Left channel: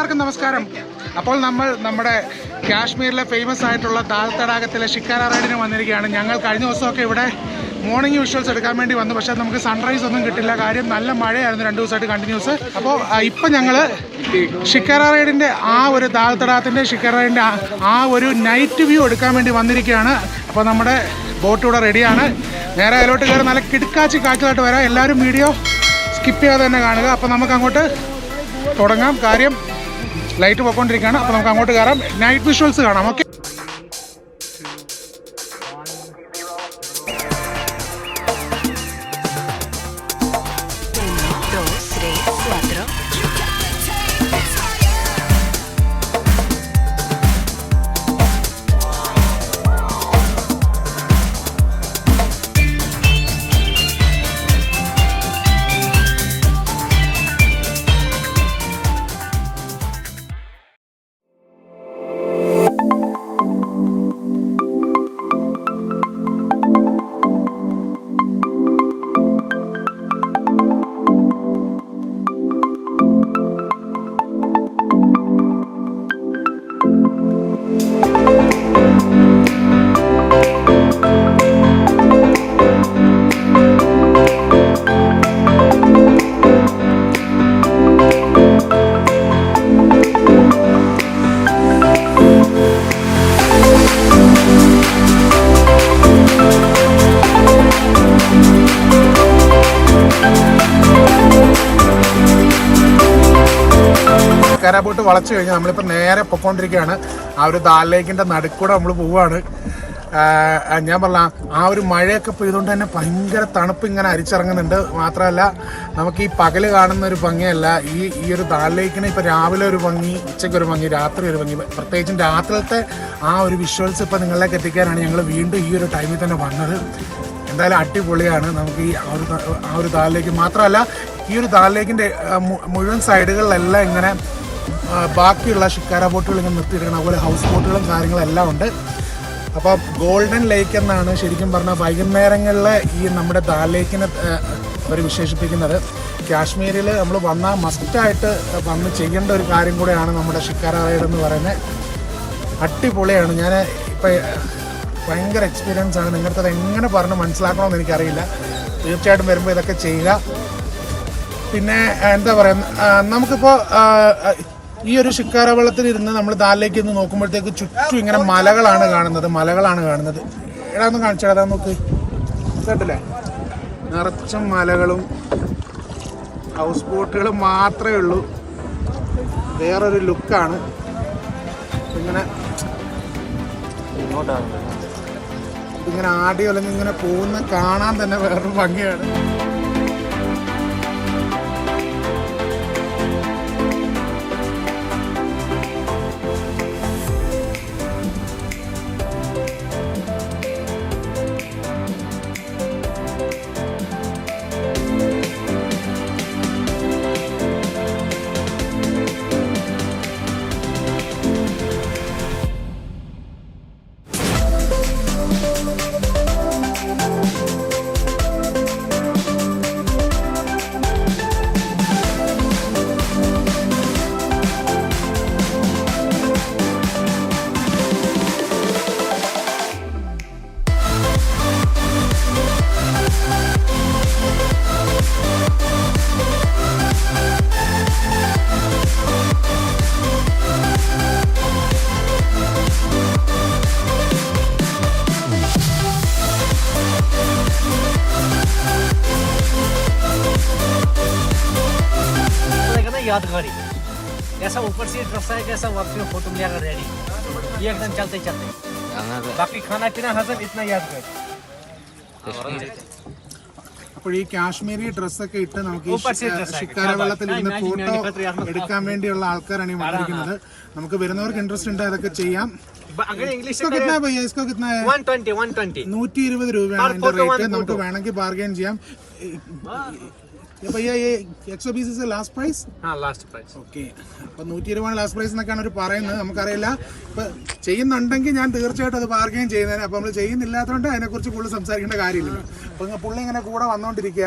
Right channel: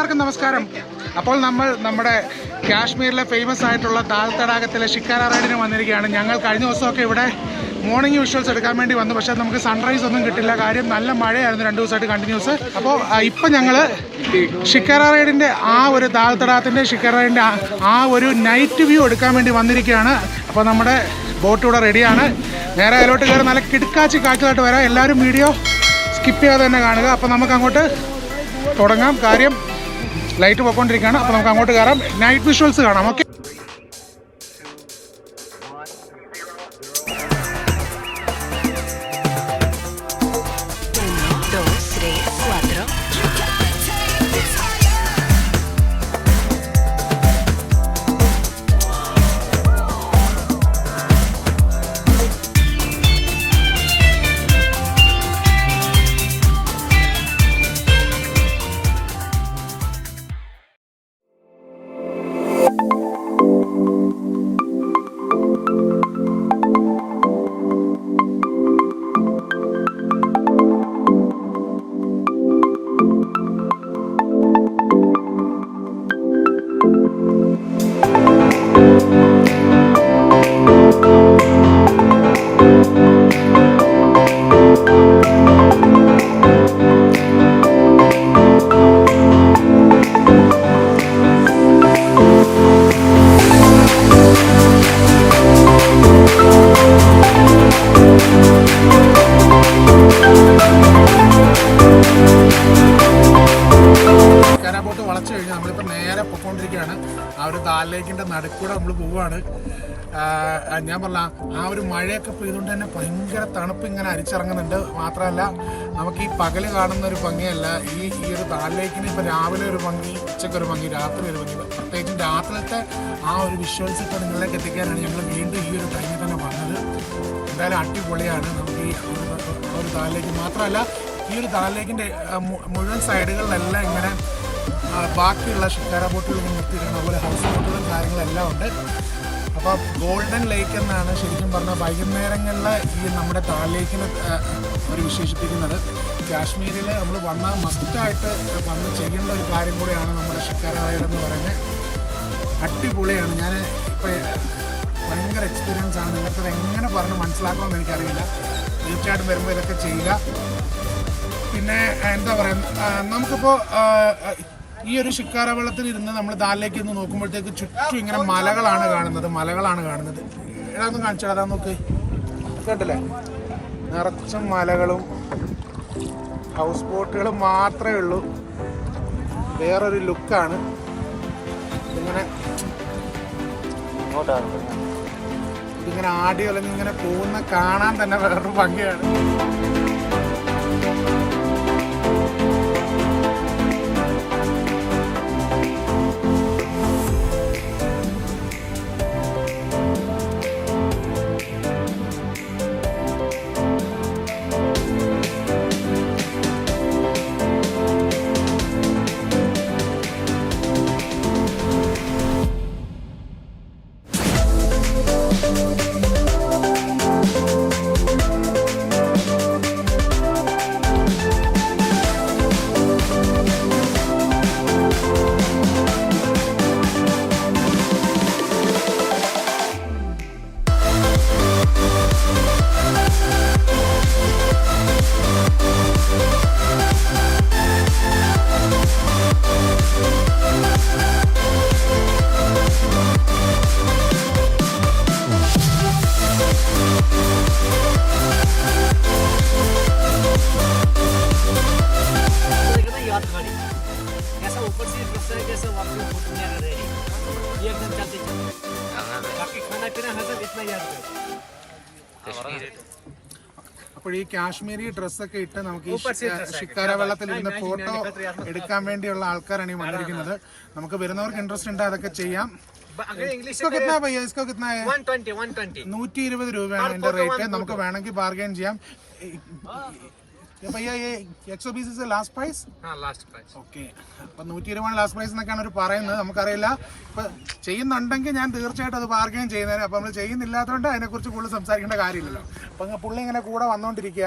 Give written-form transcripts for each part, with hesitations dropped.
എല്ലാവർക്കും നമസ്കാരം. അപ്പോൾ നമ്മൾ നമ്മുടെ കാശ്മീരിലെ ഫേമസ് ആയിട്ടുള്ള ദാൽ തടാകത്തിലെ ഷിക്കാര റൈഡിന് വന്നിരിക്കുകയാണ്. ഞങ്ങൾ കഴിഞ്ഞ ദിവസമൊക്കെ ഇവിടെ മോർണിംഗ് വിഷ്വൽസ് എടുക്കാൻ വേണ്ടി വന്നു. പക്ഷേ നമുക്ക് സൺറൈസ് ഒന്നും കിട്ടില്ല. കാര്യം നല്ല മഴയായിരുന്നു 2 ദിവസമായിട്ട് കണ്ടിന്യൂസ്. അപ്പോൾ ഇപ്പം ഞങ്ങൾ ഷിക്കാര റൈഡിൻ്റെ ആ ഒരു ദാൽ തടാകത്തിൻ്റെ ഷിക്കാര റൈഡിൻ്റെ ആ ഒരു നൈറ്റ് വ്യൂ എടുക്കാൻ വേണ്ടി വന്നിരിക്കുകയാണ്. അപ്പോൾ നമ്മുടെ ബോട്ട് ഇവിടെ റെഡിയാണ്. നേരെ അതിലോട്ട് കയറി നല്ല കിടക്കാച്ചി കാഴ്ചകളായിട്ട് വരാം. എല്ലാവരും വീഡിയോ സ്കിപ്പ് ചെയ്യാതെ തന്നെ കാണുക. അപ്പോൾ നമുക്ക് അങ്ങോട്ട് തുടങ്ങാം. കാര്യം ലൈറ്റ് പോയിക്കൊണ്ടിരിക്കുകയാണ്. അപ്പോൾ നമുക്ക് അങ്ങോട്ട് കയറാം. നൈറ്റ് വിഷ്വൽസ് കാണാം. ഓക്കെ. ബോട്ട് വളച്ചു കഴിഞ്ഞാൽ നമ്മളിപ്പോൾ നേരെ പൊക്കോണ്ടിരിക്കുകയാണ്. ആ ഒരു ദാൽ ലേക്കിൻ്റെ നടുക്കൂടെ നമ്മൾ പോവുകയാണ്. ഞാൻ പറഞ്ഞ ആ ഒരു മഴയൊക്കെ പെയ്തുകൊണ്ട് തന്നെ ഭയങ്കര തണുപ്പ് ഇങ്ങനെ അരിച്ചിറങ്ങുന്നുണ്ട്. മാത്രമല്ല നമുക്ക് ഈ പകല് കാണുന്ന ഒരു ഭംഗിയല്ല ഈ ഒരു ദാൽ ലേക്കിന് ഇപ്പോൾ രാവിലെ ഒരു ഭംഗി, ഉച്ചയ്ക്കൊരു ഭംഗി, രാത്രി ഒരു ഭംഗി. പ്രത്യേകിച്ചും രാത്രിയിലത്തെ ആ ഒരു വിഷ്വൽസ് ഇപ്പോൾ നിങ്ങളിലേക്ക് എത്തിക്കാനാണ് ഞങ്ങൾ വീണ്ടും ഈ ഒരു ടൈമിൽ തന്നെ വന്നത്. എന്തായാലും അടിപൊളിയാണ്. നമുക്ക് ഈ ആ ഒരു ദാൽ ലേക്ക് മാത്രമല്ല ഈ ഒരു ദാൽ ലേക്കിൻ്റെ മുഴുവൻ സൈഡുകളിലെല്ലാം ഇങ്ങനെ ബാക്കിയുള്ള ഷിക്കാര ബോട്ടുകൾ ഇങ്ങനെ നിർത്തിയിരിക്കണം. അതുപോലെ ഹൗസ് ബോട്ടുകളും കാര്യങ്ങളെല്ലാം ഉണ്ട്. അപ്പോൾ ഗോൾഡൻ ലേക്ക് എന്നാണ് ശരിക്കും പറഞ്ഞാൽ വൈകുന്നേരങ്ങളിൽ ഈ നമ്മുടെ ദാൽ ലേക്കിനെ അവർ വിശേഷിപ്പിക്കുന്നത്. കാശ്മീരിൽ നമ്മൾ വന്നാൽ മസ്റ്റായിട്ട് വന്ന് ചെയ്യേണ്ട ഒരു കാര്യം കൂടെയാണ് നമ്മുടെ ഷിക്കാര റൈഡ് എന്ന് പറയുന്നത്. അടിപൊളിയാണ്. ഞാൻ ഇപ്പോൾ ഭയങ്കര എക്സ്പീരിയൻസ് ആണ്. നിങ്ങൾക്കത് എങ്ങനെ പറഞ്ഞ് മനസ്സിലാക്കണമെന്ന് എനിക്കറിയില്ല. തീർച്ചയായിട്ടും വരുമ്പോൾ ഇതൊക്കെ ചെയ്യുക. പിന്നെ എന്താ പറയുക, നമുക്കിപ്പോൾ ഈ ഒരു ഷിക്കാര വെള്ളത്തിൽ ഇരുന്ന് നമ്മൾ ദാലിലേക്ക് ഇന്ന് നോക്കുമ്പോഴത്തേക്ക് ചുറ്റും ഇങ്ങനെ മലകളാണ് കാണുന്നത്. എടാ ഒന്ന് കാണിച്ചാടാ, നോക്ക്, കേട്ടില്ലേ? നിറച്ചും മലകളും ഹൗസ് ബോട്ടുകളും മാത്രമേ ഉള്ളൂ. വേറൊരു ലുക്കാണ്. ഇതിങ്ങനെ ആടി അല്ലെങ്കിൽ ഇങ്ങനെ പോകുന്ന കാണാൻ തന്നെ വേറൊരു ഭംഗിയാണ്. यादगारी ऐसा ऊपर से रास्ता है जैसा वक्त में फोटो लिया कर रेडी ये एकदम चलते बाकी खाना पीना हजम इतना यादगार. അപ്പോൾ ഈ കാശ്മീരി ഡ്രസ്സൊക്കെ ഇട്ട് നമുക്ക് ഈ ഷിക്കാര വെള്ളത്തിൽ ഇരുന്ന് ഫോട്ടോ എടുക്കാൻ വേണ്ടിയുള്ള ആൾക്കാരാണ് ഈ വന്നിരിക്കുന്നത്. നമുക്ക് വരുന്നവർക്ക് ഇൻട്രസ്റ്റ് ഉണ്ട്, അതൊക്കെ ചെയ്യാം. 120 രൂപയാണ് ഇതിന്റെ റേറ്റ്. നമുക്ക് വേണമെങ്കിൽ ബാർഗെയിൻ ചെയ്യാം. भैया ये 120 से लास्ट प्राइस? हाँ लास्ट प्राइस. ഓക്കെ. അപ്പോൾ 120 ലാസ്റ്റ് പ്രൈസ് എന്നൊക്കെയാണ് അവർ പറയുന്നത്. നമുക്കറിയില്ല. ഇപ്പോൾ ചെയ്യുന്നുണ്ടെങ്കിൽ ഞാൻ തീർച്ചയായിട്ടും അത് ബാർഗെയിൻ ചെയ്യുന്നതിന്. അപ്പോൾ നമ്മൾ ചെയ്യുന്നില്ലാത്തതുകൊണ്ട് അതിനെക്കുറിച്ച് കൂടുതൽ സംസാരിക്കേണ്ട കാര്യമില്ല. അപ്പോൾ പുള്ളി ഇങ്ങനെ കൂടെ വന്നുകൊണ്ടിരിക്കുക.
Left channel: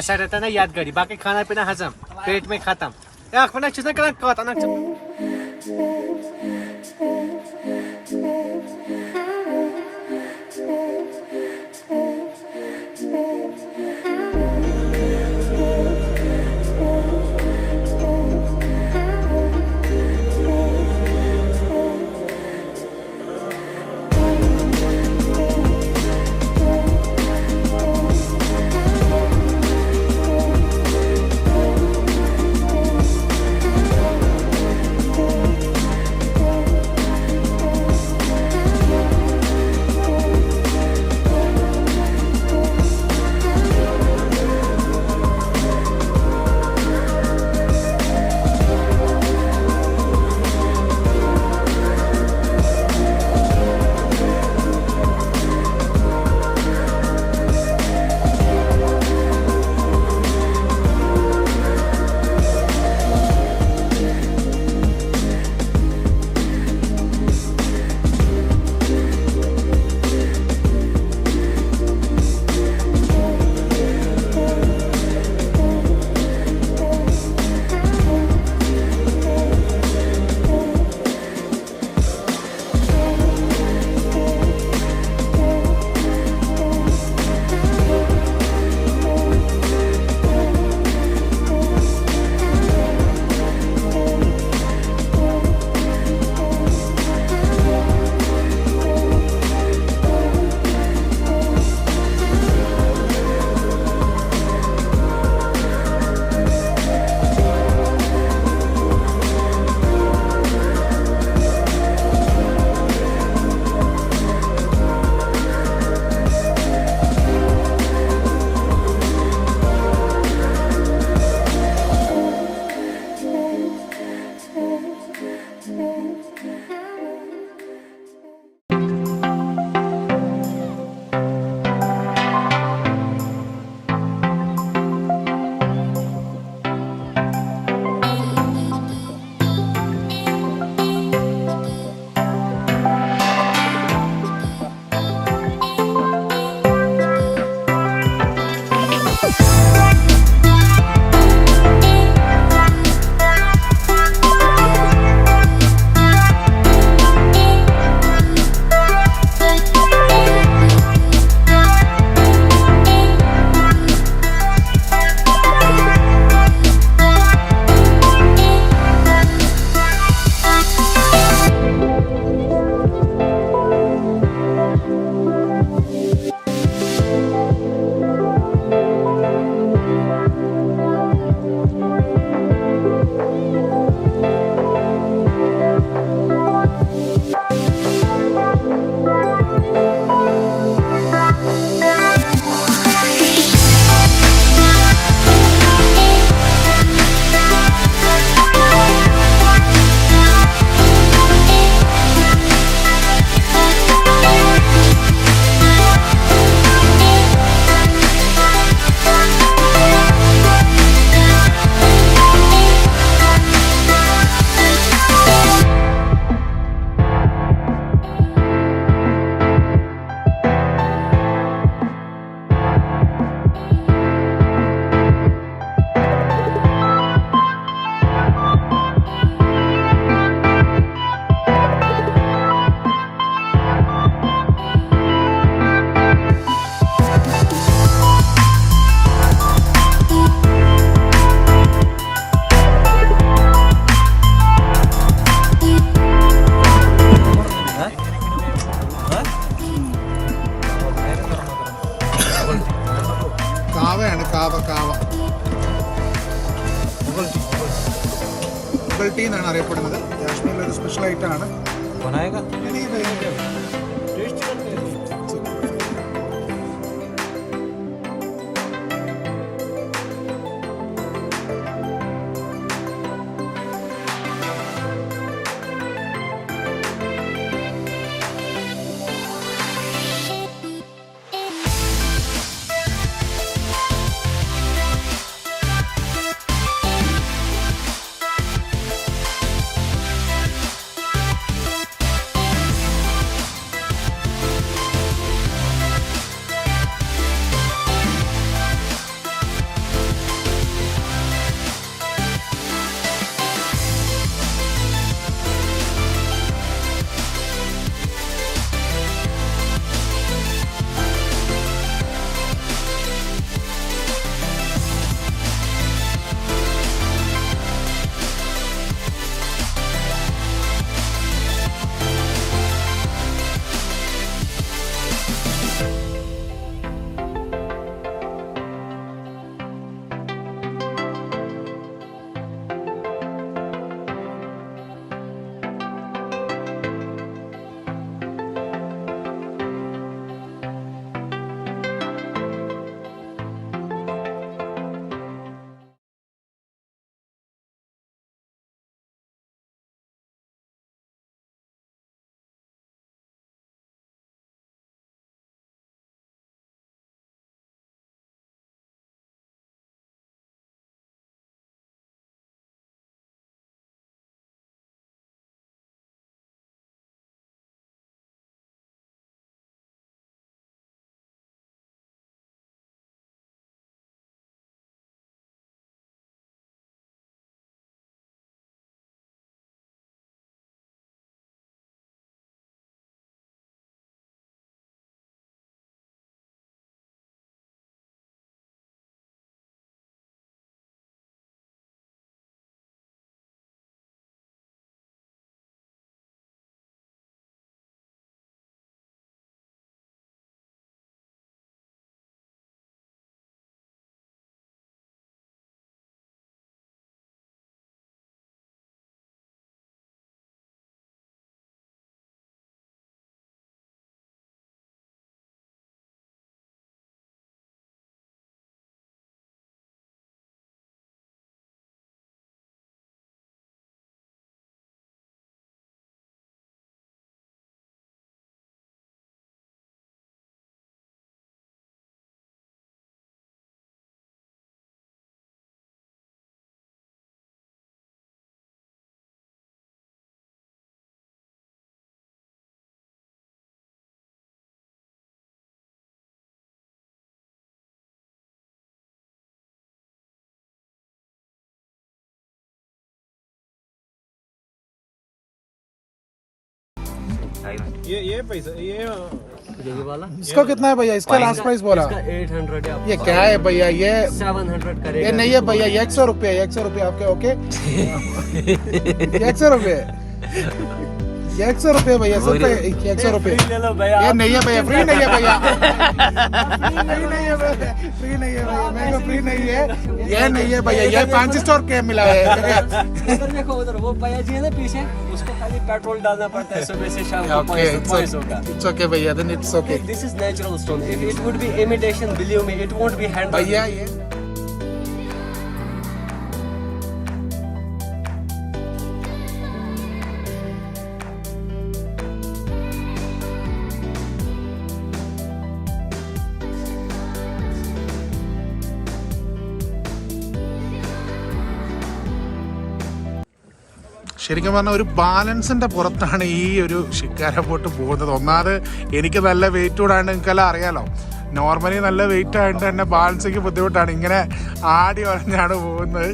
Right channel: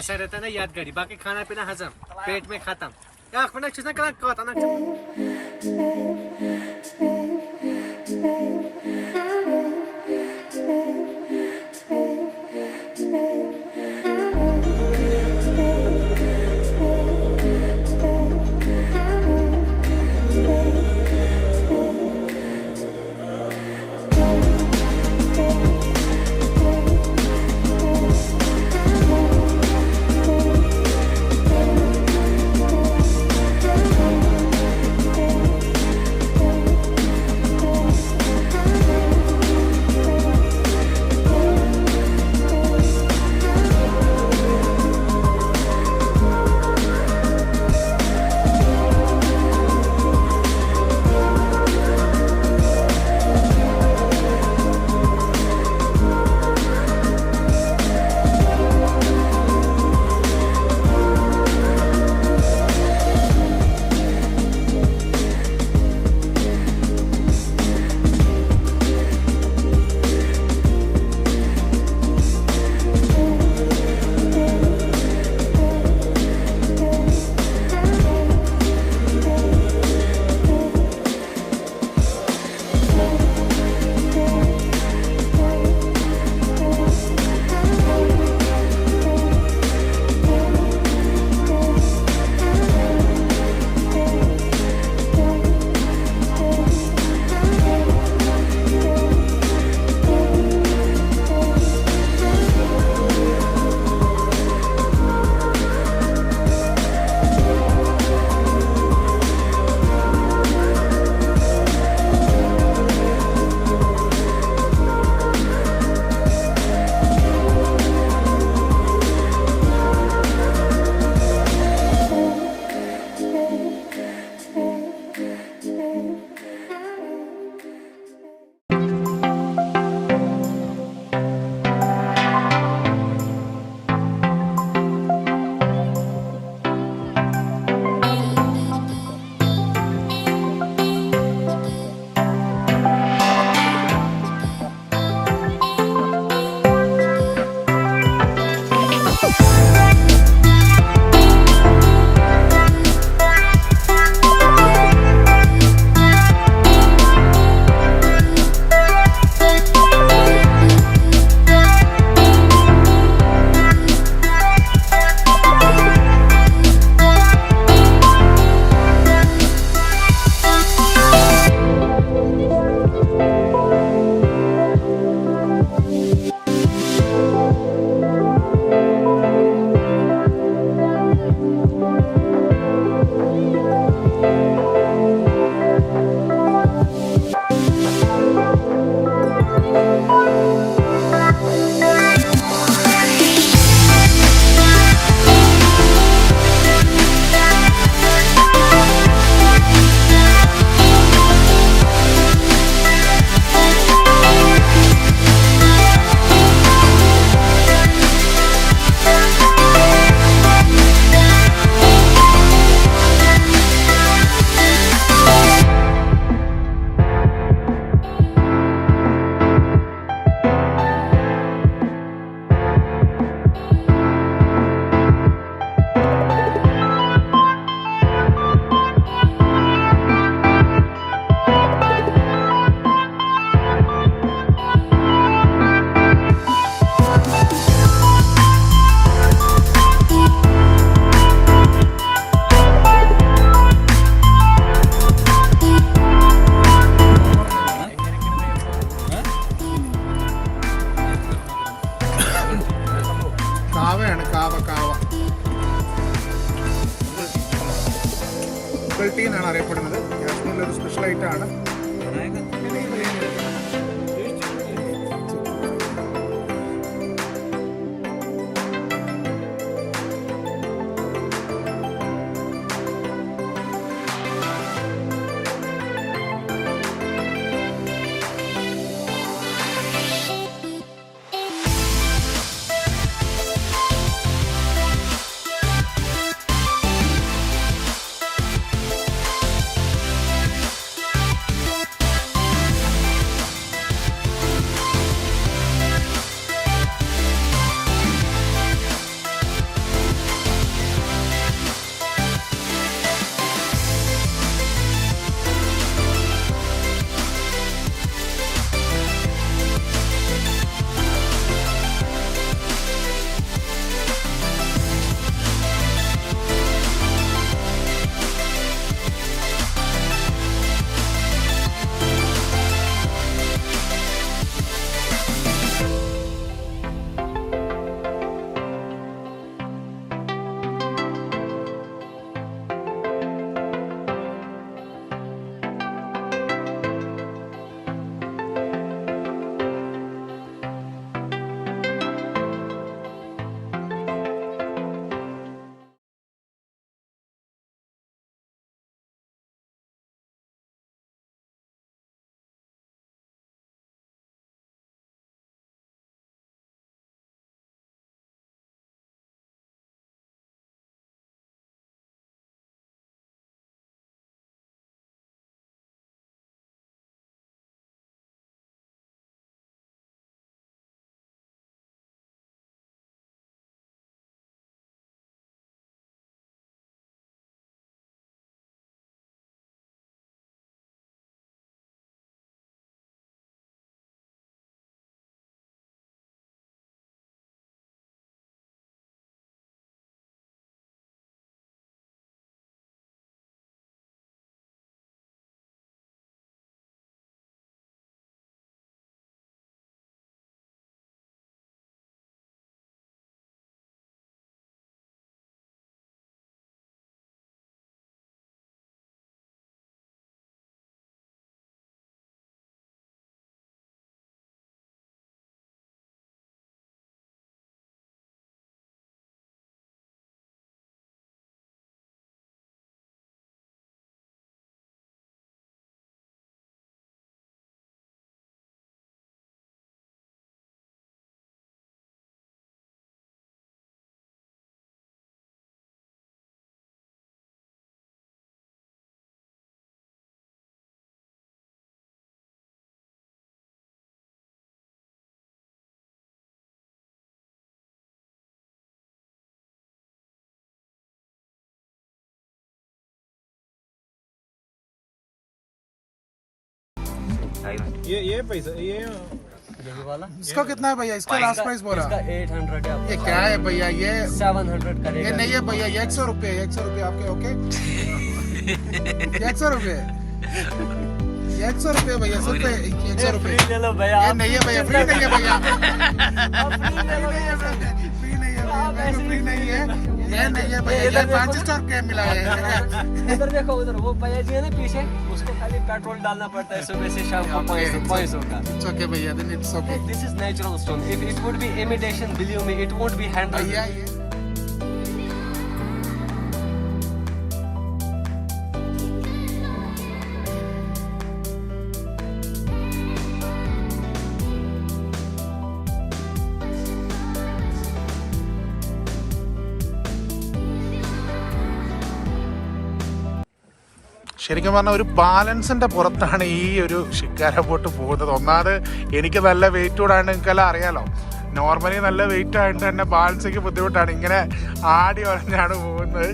ऐसा रहता है ना यादगारी. बाकी खाना पीना हजम, पेट में खत्म. يا اخ انا شفت كلام قاط انا ടീ എന്നാണ് അറിയപ്പെടുന്നത്. കാശ്മീരിലെ ഒരു സ്പെഷ്യൽ ഐറ്റമാണ്. ये पैसा ये यही वाला इसका कितना है भैया? इसका लास्ट प्राइस बोला। इसका 800 है। ये क्या है भैया? ये 700 करेगा। ये नहीं है भैया, ये 100 रुपये, 100 रुपये आपके। ओके 100 रुपये, 100 रुपये भैया, सब 100 रुपये। ये नहीं है भैया, फ्री नहीं है भैया, फ्री नहीं है भैया, फ्री नहीं है, ये नहीं है भैया, ये 500 रुपये मिला है। उधर देखो, उधर वो भैया जी है ना पीछे, उसको खाली पेट्रोल डालना पड़ता है सुबह से शाम को। It's okay भैया, then it's okay। This is natural stone. If it would be imitation, believe me, it won't be handled. भैया ये ശരിക്കും പറഞ്ഞാൽ ഒരു ബാലൻസിന്റെ പുറത്താണ് ഈ ഒരു ഷിക്കാര ബോട്ട് പോകുന്നത്. ഒന്നാമത് എനിക്ക് നല്ല വെയിറ്റ് കൂടാണ്ട് നിങ്ങൾക്കെല്ലാം അറിയാലോ, നോർമലി നല്ല വെയിറ്റ് ആയിട്ട് തന്നെ ബാലൻസിക്ക് ബുദ്ധിമുട്ടാണ്, ഇങ്ങനെ ആടി ഒരഞ്ഞാണ് പോകുന്നത്.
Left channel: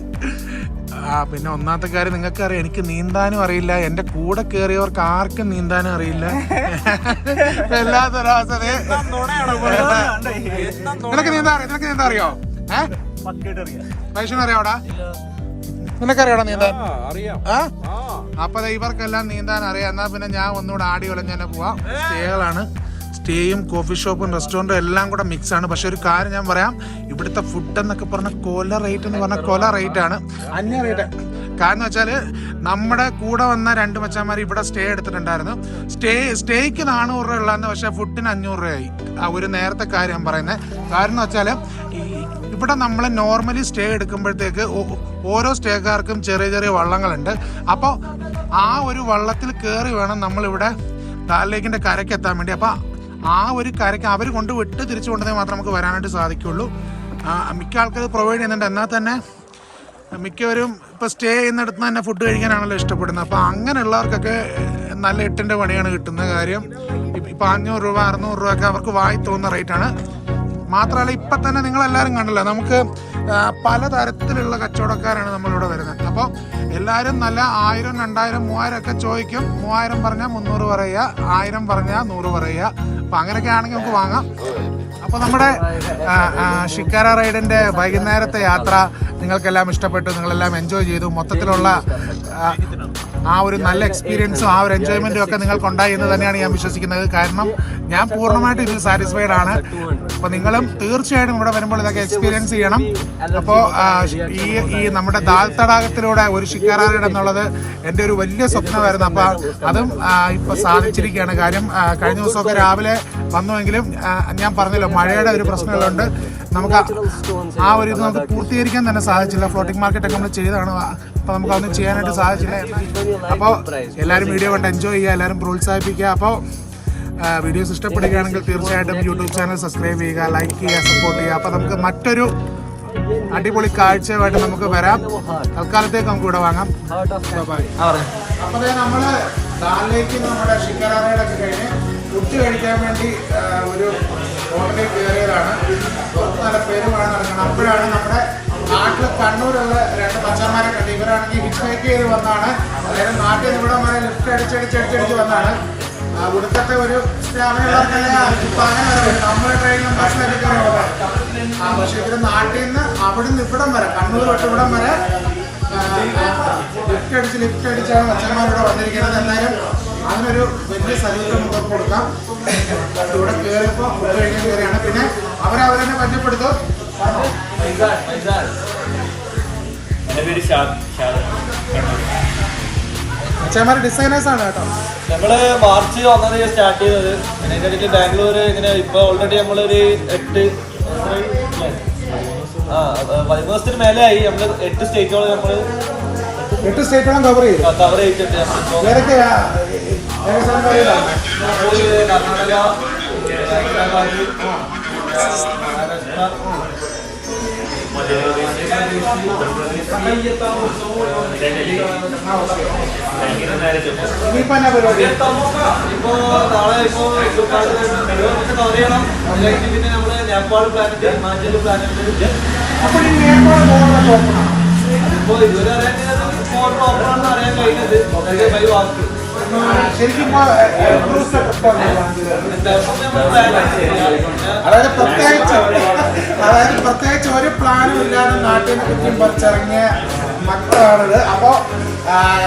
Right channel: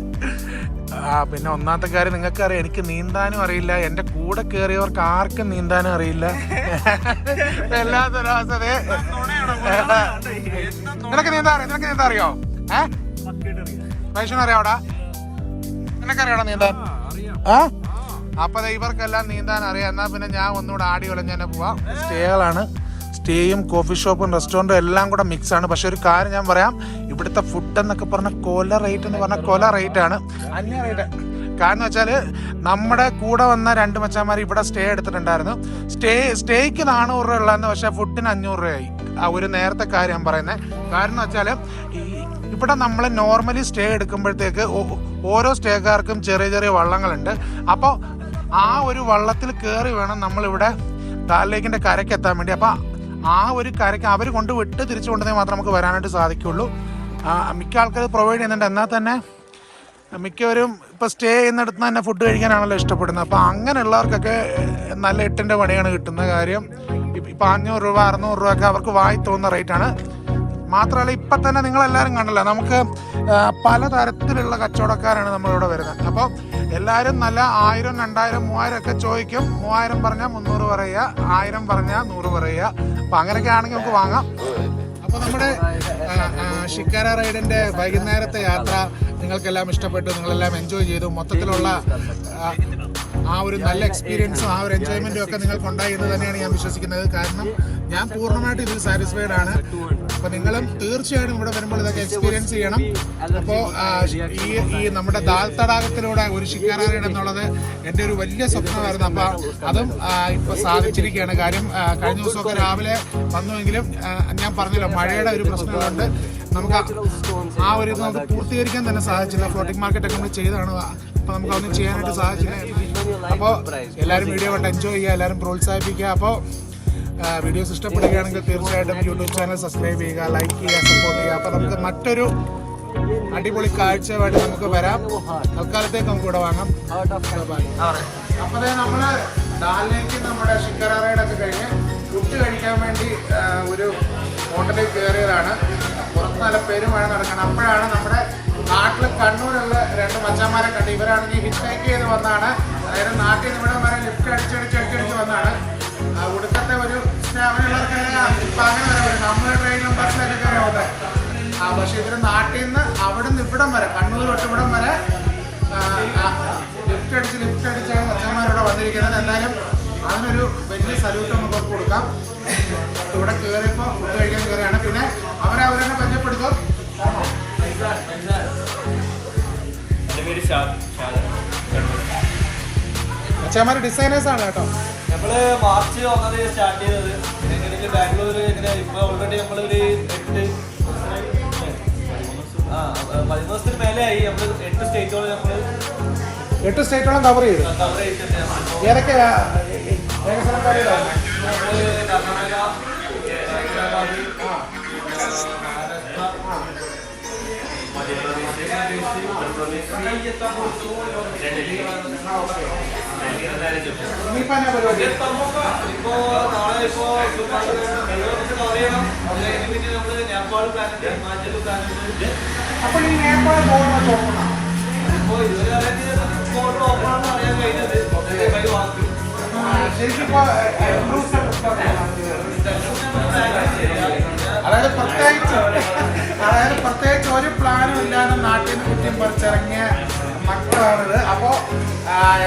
പിന്നെ ഒന്നാമത്തെ കാര്യം നിങ്ങൾക്കറിയാം, എനിക്ക് നീന്താനും അറിയില്ല, എൻ്റെ കൂടെ കയറിയവർക്ക് ആർക്കും നീന്താനും അറിയില്ല. വല്ലാത്തൊരവസ്ഥ. നിനക്ക് നീന്താ അറിയോ? വൈഷ്ണു അറിയാവടാ? നിനക്കറിയാടാ നീന്താൻ? ആ, അപ്പൊ ഇവർക്കെല്ലാം നീന്താൻ അറിയാം. എന്നാ പിന്നെ ഞാൻ ഒന്നുകൂടെ ആടി ഒലഞ്ഞ് തന്നെ പോവാം. സ്റ്റേകളാണ്, സ്റ്റേയും കോഫി ഷോപ്പും റെസ്റ്റോറൻറ്റും എല്ലാം കൂടെ മിക്സ് ആണ്. പക്ഷെ ഒരു കാര്യം ഞാൻ പറയാം, ഇവിടുത്തെ ഫുഡ് എന്നൊക്കെ പറഞ്ഞാൽ കൊല റേറ്റ് എന്ന് പറഞ്ഞാൽ കൊല റേറ്റ് ആണ്, അന്യ റേറ്റ്. കാരണം എന്ന് വെച്ചാൽ നമ്മുടെ കൂടെ വന്ന 2 മച്ചാന്മാർ ഇവിടെ സ്റ്റേ എടുത്തിട്ടുണ്ടായിരുന്നു. സ്റ്റേക്ക് 400 രൂപ ഉള്ളതെന്ന്, പക്ഷെ ഫുഡിന് 500 രൂപയായി. ആ ഒരു നേരത്തെ കാര്യം ഞാൻ പറയുന്നത്. കാരണം എന്ന് വെച്ചാൽ ഇവിടെ നമ്മൾ നോർമലി സ്റ്റേ എടുക്കുമ്പോഴത്തേക്ക് ഓരോ സ്റ്റേക്കാർക്കും ചെറിയ ചെറിയ വള്ളങ്ങളുണ്ട്. അപ്പോൾ ആ ഒരു വള്ളത്തിൽ കയറി വേണം നമ്മളിവിടെ ദാൽ ലേക്കിൻ്റെ കരയ്ക്ക് എത്താൻ വേണ്ടി. അപ്പോൾ ആ ഒരു കരയ്ക്ക് അവർ കൊണ്ട് വിട്ട് തിരിച്ചു കൊണ്ടുവന്നാൽ മാത്രമേ നമുക്ക് വരാനായിട്ട് സാധിക്കുള്ളൂ. മിക്ക ആൾക്കാർ പ്രൊവൈഡ് ചെയ്യുന്നുണ്ട്. എന്നാൽ തന്നെ മിക്കവരും ഇപ്പോൾ സ്റ്റേ ചെയ്യുന്നിടത്ത് തന്നെ ഫുഡ് കഴിക്കാനാണല്ലോ ഇഷ്ടപ്പെടുന്നത്. അപ്പോൾ അങ്ങനെയുള്ളവർക്കൊക്കെ നല്ല 8ൻ്റെ പണിയാണ് കിട്ടുന്ന കാര്യം. ഇപ്പോൾ 500 രൂപ 600 രൂപ ഒക്കെ അവർക്ക് വായി തോന്നുന്ന റേറ്റാണ്. മാത്രമല്ല ഇപ്പം തന്നെ നിങ്ങളെല്ലാവരും കണ്ടല്ലോ, നമുക്ക് പലതരത്തിലുള്ള കച്ചവടക്കാരാണ് നമ്മളിവിടെ വരുന്നത്. അപ്പോൾ എല്ലാവരും നല്ല 1000, 2000, 3000 ഒക്കെ ചോദിക്കും. 3000 പറഞ്ഞാൽ 300 പറയുക, 1000 പറഞ്ഞാൽ 100 പറയുക. അപ്പോൾ അങ്ങനെയൊക്കെ ആണെങ്കിൽ നമുക്ക് വാങ്ങാം. അപ്പോൾ നമ്മുടെ ഷിക്കാര റൈഡിൻ്റെ വൈകുന്നേരത്തെ യാത്ര നിങ്ങൾക്കെല്ലാം ഇഷ്ടപ്പെട്ടു, നിങ്ങളെല്ലാം എൻജോയ് ചെയ്തു. മൊത്തത്തിലുള്ള ആ ഒരു നല്ല എക്സ്പീരിയൻസും ആ ഒരു എൻജോയ്മെൻറ്റും ഒക്കെ നിങ്ങൾക്കുണ്ടായി എന്ന് തന്നെയാണ് ഞാൻ വിശ്വസിക്കുന്നത്. കാരണം ഞാൻ പൂർണ്ണമായിട്ട് ഇതിൽ സാറ്റിസ്ഫൈഡ് ആണ്. അപ്പോൾ നിങ്ങളും തീർച്ചയായിട്ടും ഇവിടെ വരുമ്പോൾ ഇതൊക്കെ എക്സ്പീരിയൻസ് ചെയ്യണം. അപ്പോൾ ഈ നമ്മുടെ ദാൽ തടാകത്തിലൂടെ ഒരു ഷിക്കാര റൈഡ് എന്നുള്ളത് എൻ്റെ ഒരു വലിയ സ്വപ്നമായിരുന്നു. അപ്പോൾ അതും ഇപ്പോൾ സാധിച്ചിരിക്കുകയാണ്. കാര്യം കഴിഞ്ഞ ദിവസമൊക്കെ രാവിലെ വന്നുവെങ്കിലും ഞാൻ പറഞ്ഞല്ലോ, മഴയുടെ ഒരു പ്രശ്നമുള്ളതുകൊണ്ട് നമുക്ക് ആ ഒരു ഇത് നമുക്ക് പൂർത്തീകരിക്കാൻ തന്നെ സാധിച്ചില്ല. ഫ്ലോട്ടിംഗ് മാർക്കറ്റൊക്കെ നമ്മൾ ചെയ്തതാണ്, അപ്പോൾ നമുക്കതൊന്നും ചെയ്യാനായിട്ട് സാധിച്ചില്ല. അപ്പോൾ എല്ലാവരും വീഡിയോ കണ്ട് എൻജോയ് ചെയ്യുക, എല്ലാവരും പ്രോത്സാഹിപ്പിക്കുക. അപ്പോൾ വീഡിയോസ് ഇഷ്ടപ്പെടുകയാണെങ്കിൽ തീർച്ചയായിട്ടും യൂട്യൂബ് ചാനൽ സബ്സ്ക്രൈബ് ചെയ്യുക, ലൈക്ക് ചെയ്യുക, സപ്പോർട്ട് ചെയ്യുക. അപ്പോൾ നമുക്ക് മറ്റൊരു അടിപൊളി കാഴ്ചയുമായിട്ട് നമുക്ക് വരാം. തൽക്കാലത്തേക്ക് നമുക്ക് ഇവിടെ വാങ്ങാം. അപ്പോൾ നമ്മൾ ദാലിലേക്ക് നമ്മുടെ ഷിക്കാര റൈഡൊക്കെ കഴിഞ്ഞ് ഫുഡ് കഴിക്കാൻ വേണ്ടി ഒരു ഹോട്ടലിൽ കയറിയതാണ്. പുറത്ത് നല്ല പേരുമാണ് നടക്കുന്നത്. അപ്പോഴാണ് നമ്മുടെ നാട്ടിൽ കണ്ണൂരുള്ള 2 മച്ചന്മാരെ കണ്ടു. ഇവരാണെങ്കിൽ ഹിറ്റ് ഹൈക്ക് ചെയ്ത് വന്നതാണ്. അതായത് നാട്ടിൽ നിന്ന് ഇവിടെ വരെ ലിഫ്റ്റ് അടിച്ചടിച്ച് വന്നതാണ്. ഇവിടുത്തെ ഒരു സ്റ്റാമിനുള്ളവർക്കല്ലേ ഇപ്പം അങ്ങനെ വരും. നമ്മുടെ ട്രെയിനിലും ബസ്സിലൊക്കെ കയറി പോകാൻ. പക്ഷേ ഇവർ നാട്ടിൽ നിന്ന് അവിടെ നിന്ന് ഇവിടം വരെ, കണ്ണൂർ തൊട്ട് ഇവിടം വരെ ലിഫ്റ്റ് അടിച്ചാണ് മച്ചന്മാരിവിടെ വന്നിരിക്കുന്നത്. എന്തായാലും അതിനൊരു വലിയ സല്യൂട്ട് നമുക്ക് കൊടുക്കാം. ഇവിടെ കയറിയപ്പോൾ ഫുഡ് കഴിക്കാൻ കയറിയാണ്. പിന്നെ അവരവരെന്നെ പരിചയപ്പെടുത്തും. മച്ചന്മാർ ഡിസൈനേഴ്സ് ആണ് കേട്ടോ. നമ്മള് മാർച്ച് 1 സ്റ്റാർട്ട് ചെയ്തത്. പിന്നെ ഇതിന്റെ ഇടയ്ക്ക് ബാംഗ്ലൂർ ഇങ്ങനെ ഇപ്പൊ ഓൾറെഡി നമ്മളൊരു 13 മേലെ ആയി. നമ്മള് 8 സ്റ്റേറ്റോളം കവർ ചെയ്തിട്ടുണ്ട്. ഏതൊക്കെയാ? കർണാടക, ഇനിയിപ്പോ എന്നാ പരിപാടി? ഇപ്പോ നാളെ കവർ ചെയ്യണം. പിന്നെ നമ്മള് നേപ്പാൾ പ്ലാനുണ്ട്, ഹിമാചൽ പ്ലാനുണ്ട്. അപ്പോൾ ഈ നേപ്പാൾ ബോർഡർ ഓപ്പണാണോ? അതിപ്പോ ഇതുവരെ അറിയാൻ ഓപ്പൺ ആണെന്ന് അറിയാൻ കഴിഞ്ഞത്. വാക്ക് ശരിക്കും ഇപ്പൊ എത്ര ദിവസത്തെ ട്രിപ്പാണ് അതായത് പ്രത്യേകിച്ച് ഒരു പ്ലാനും ഇല്ലാതെ നാട്ടിൽ നിന്ന് കുറ്റിയും പറിച്ചിറങ്ങിയ മക്കളാണിത്. അപ്പോൾ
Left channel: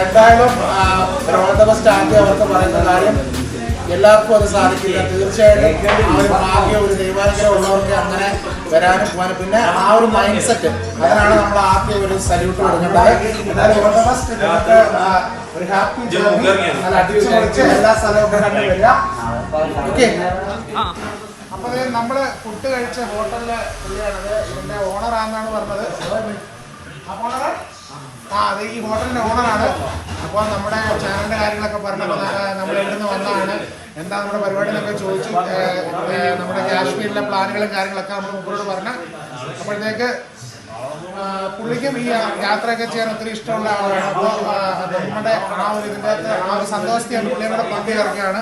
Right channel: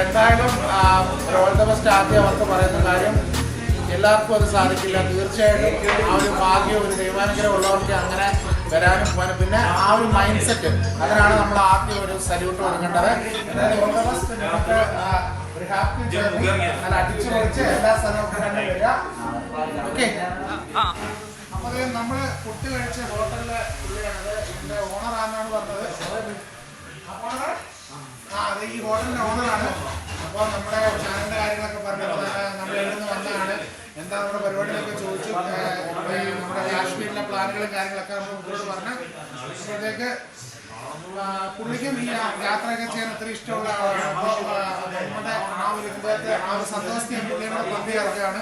എന്തായാലും ഓൾ ദ ബെസ്റ്റ് ആദ്യം അവർക്ക് പറയുന്ന കാര്യം എല്ലാവർക്കും അത് സാധിക്കില്ല. തീർച്ചയായിട്ടും ആ ഒരു ഭാഗ്യം ഒരു ദൈവാനുഗ്രഹം ഉള്ളവർക്ക് അങ്ങനെ വരാനും പോകാനും പിന്നെ ആ ഒരു മൈൻഡ് സെറ്റ് അതിനാണ് നമ്മൾ ആദ്യം ഒരു സല്യൂട്ട് കൊടുക്കേണ്ടത്. എന്നാലും ഓൾ ദ ബെസ്റ്റ്. നിങ്ങൾക്ക് ഒരു ഹാപ്പി ജേർണി നല്ല അടിച്ചു പൊളിച്ച് എല്ലാ സ്ഥലവും കണ്ടു വരിക. ഓക്കെ. അപ്പോൾ നമ്മൾ ഫുഡ് കഴിച്ച ഹോട്ടലിലെ പുള്ളിയാണത്. ഇതിൻ്റെ ഓണറാണെന്നാണ് പറഞ്ഞത്. അതെ ഈ ഹോട്ടലിൻ്റെ ഓണറാണ്. അപ്പോൾ നമ്മുടെ ചാനലിൻ്റെ കാര്യങ്ങളൊക്കെ പറഞ്ഞപ്പോൾ നമ്മൾ എവിടെ നിന്ന് വന്നതാണ് എന്താ നമ്മുടെ പരിപാടി എന്നൊക്കെ ചോദിച്ചു. നമ്മുടെ കാശ്മീരിലെ പ്ലാനുകളും കാര്യങ്ങളൊക്കെ നമ്മൾ മുമ്പോട്ട് പറഞ്ഞു. അപ്പോഴത്തേക്ക് പുള്ളിക്കും ഈ യാത്രയൊക്കെ ചെയ്യാൻ ഒത്തിരി ഇഷ്ടമുള്ള ആളാണ്. അപ്പോൾ നമ്മുടെ ആ ഒരു ഇതിൻ്റെ അകത്ത് ആ ഒരു സന്തോഷത്തെ പുള്ളിയും കൂടെ പങ്കുചേർക്കുകയാണ്.